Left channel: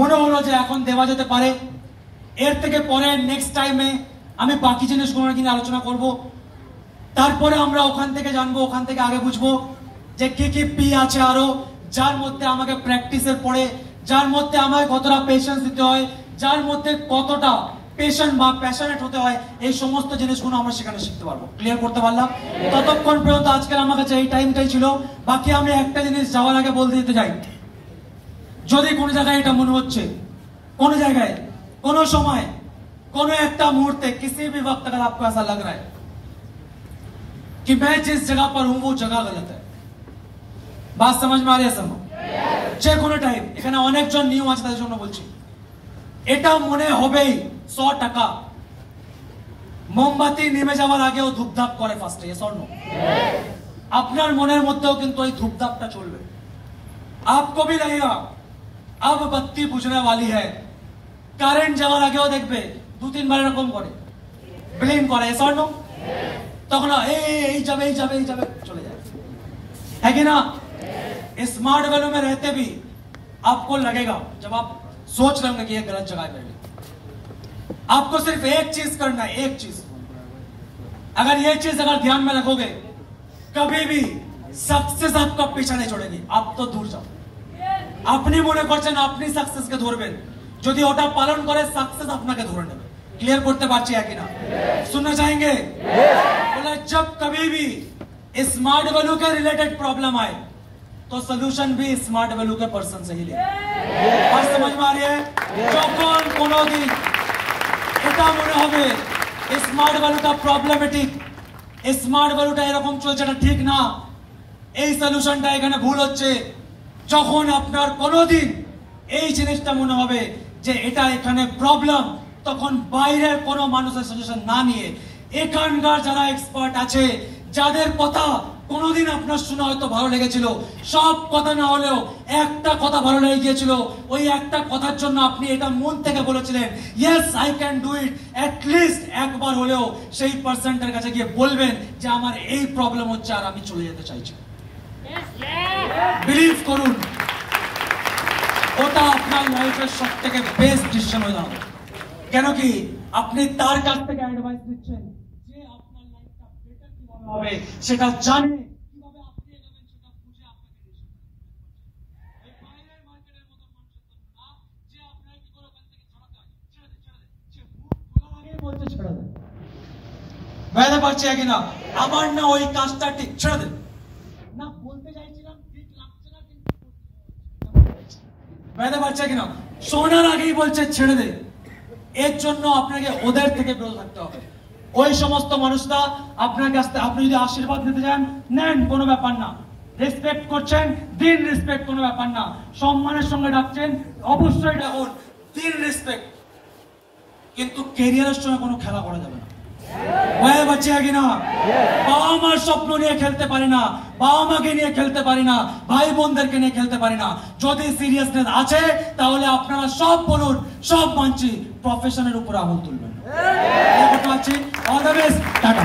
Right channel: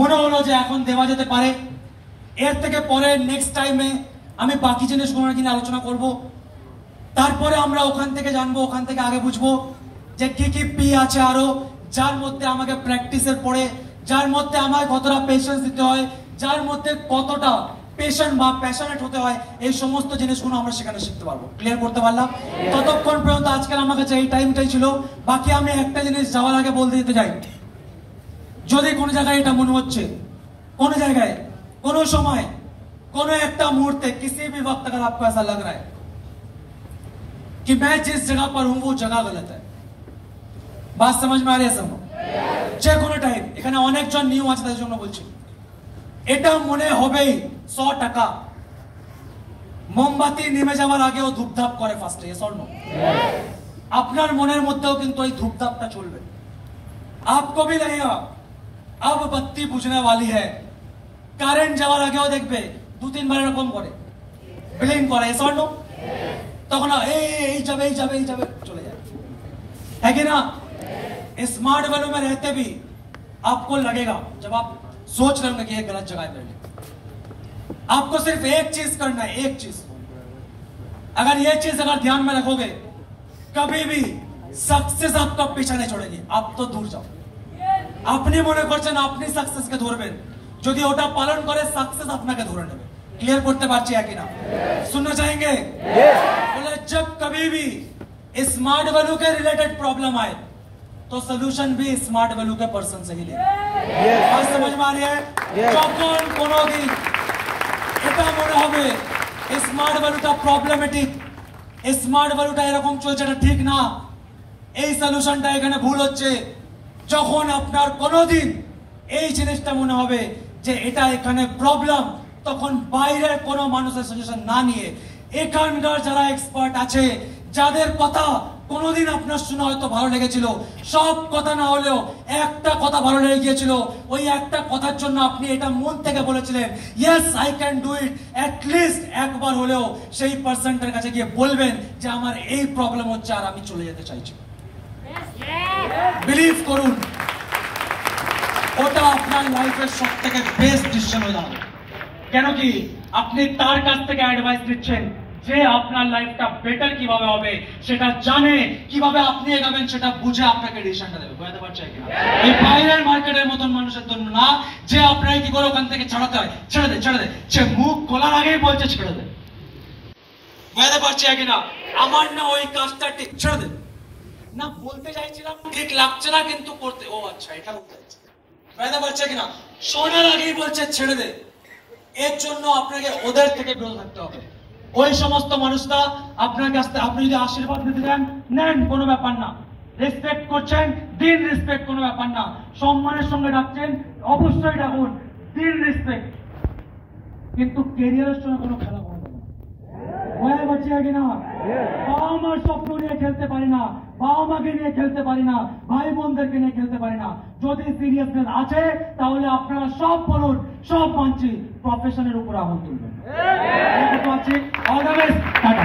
মনে হলো যে এখন দেওয়া যেতে পারে। এর থেকে পরে নেক্সট টাইমে আমি বাকি জিনিসগুলো নিয়ে আলোচনা করব। তারপরে আমরা ওখান থেকে জানবো, ওখান থেকে আগে বুঝবো যে কি কি পি আছে আরো, যার মধ্যে আমাকে প্র্যাকটিসের পরে, যার মধ্যে আমায় কতটা পেশেন্স দিতে হয়, যার মধ্যে কতটা পেশেন্ট বা প্যাশনেট হতে হয়, এই সমস্ত জিনিসগুলো আমরা সেখানে শিখতে পারবো। ক্লিয়ার করতে পারলাম? ততক্ষণ পর্যন্ত আজকের আমার কাছে এই টাইমটাই ছিল। বাকি আমি একটা জিনিস যাওয়ার আগে বলতে দিতে চাই, যদি কোনো জায়গায় এটা মনে হচ্ছে, কোনো জায়গায়, কোনো সময়, কোনো একটা मुहूर्ते, किसी भी वक्त अगर आपको ऐसा लग रहा है कि मैं जिस जगह पर हूं वो जगह गलत है, बात समझ में आ रही है? सब যে কোনো টাইম, এখানে অনেকজন নিউ আছে তাদের জন্য বলছি, এটা মনে হবেই 100 টাকা। মোমবাতি নেমে যাওয়ার আগেও ধূপধাপ করে ফার্স্টে, স্বর্ণ আপনার মনের মধ্যেও কিন্তু ওই ধূপধাপটা চলবে। आपको भी लगेगा अब बत्ती बुझने वाली है, কারেন্ট যাওয়ার আগেও দেখবে 2-3 বার এরকম করে ব্লিং করে, স্বর্ণ তখন এই যাবে এই যাবে এই যাবে চলে যায়, है कि ना? स्मार्ट वैल्यू में रहते भी आपको लगेगा, जब आप सोच रहे होंगे कि ये गलत जगह है मेरे लिए, आपको सिर्फ एक चीज करना है, एक चीज। अगर ये चीज अगर ध्यान में रखोगे, कभी भी सक्सेस आपका पीछा नहीं छोड़ेगी। आप तो दूर जाओ, अपनी মনে করছেন আপনি সাকসেসকে ধরবেন, যদি ওটা পালন করে সাকসেস আপনাকে ধরে নেবে। ক্লিয়ার করতে পারছি কি না? सुनना चाहेंगे? बोला जब कभी भी स्मार्ट वैल्यू के रिलेटेड प्रॉब्लम आए तो सॉल्यूशन भी स्मार्ट वैल्यू के पर्सन से ही ले। बात समझ में आ रही है? যখন কোনোদিন এটা মনে হবে স্মার্ট ভ্যালুটা প্রবলেমেটিক, স্মার্ট ভ্যালুটা এরকম চলছে, এটা ঠিক না, এই সলিউশনটা এখানে ভুল হচ্ছে, যখন আপনার কোনোদিন এই জিনিসটা মনে হবে যে এটা এখানে প্রবলেম, তখন বাইরের কোনো মানুষের সাজেশন না নিয়ে এখানকার যারা এক্সপার্ট আছে, যাদের কথা কোনোদিন আপনার শোনা হয়তো ভালো লেগেছিল, সব কথা না হলেও একটা কথা ভালো লেগে গিয়েছিল, ওই একটা কথার জন্য আপনি এটা মন থেকে বলেছিলেন yes I can do it, at least একবার হলেও সেই পার্সনটার কাছে গিয়ে বলবেন যে আমার এই প্রবলেম হচ্ছে আর আমি চলে যেতে চাইছি। বিলিভ করুন, ওটা আপনার লাইফের সব থেকে বেস্ট ডিসিশন হয়ে যাবে। কেন কি আপনি তার কাছ থেকে অ্যাডভাইস দিচ্ছেন যে আপনার লাইফটা বেটার কিভাবে হবে, সেটা জানে, কিভাবে আপনি এগোবেন সেটা বুঝে আপনাকে ডিসিশনটা দেবে। বুঝতে পারছেন কিনা? এই বাইরের মার্কেটের মতন মানুষের জন্য না, যে আপনাকে কি করে ওখান থেকে ছাড়াতে হয়, ছেড়ে দে ছেড়ে দে, সে মুখ খোলার আগেই বলছে ছেড়ে দে। বুঝতে পারছি কিনা? আমার না ওই কাজটা ঠিক, ছেড়ে দে না বলতে চাইছিলাম, ঠিক লাগছে না কিন্তু করতে, ও আচ্ছা এটা করতে চাইছি। বুঝতে পারছে কিনা? শোনার আগেই বলছে ছেড়ে দে। এর জন্য আপনাকে ওদের থেকে বিরত থাকতে হবে। ওই সমস্ত মানুষরা আপনার কাছ থেকে, আপনি যদি আশীর্বাদ দিতে চান নেন, কোনো ব্যাপার না, রেসপেক্ট করছেন দিন, রেসপেক্ট কোনো ব্যাপার না, সম্মানের সঙ্গে ডাকছেন অবশ্যই ডাকুন, দিন রেসপেক্ট, কিন্তু ক্যারিয়ারের সঙ্গে কোনো খেলা করা যাবে না। বুঝতে পারছি কিনা? বাবা মার স্বপ্ন নিয়ে খেলতে পারি না, বাবা মাকে নিয়ে খেলতে পারি না, ভাই বোনদেরকে নিয়ে খেলতে পারি না। যদি সিরিয়াসনেস আছে তাহলে আপনারা সব বলুন, সব মানছি, প্রফেশনের উপর আঙুল তুলবেন। All the best, tata.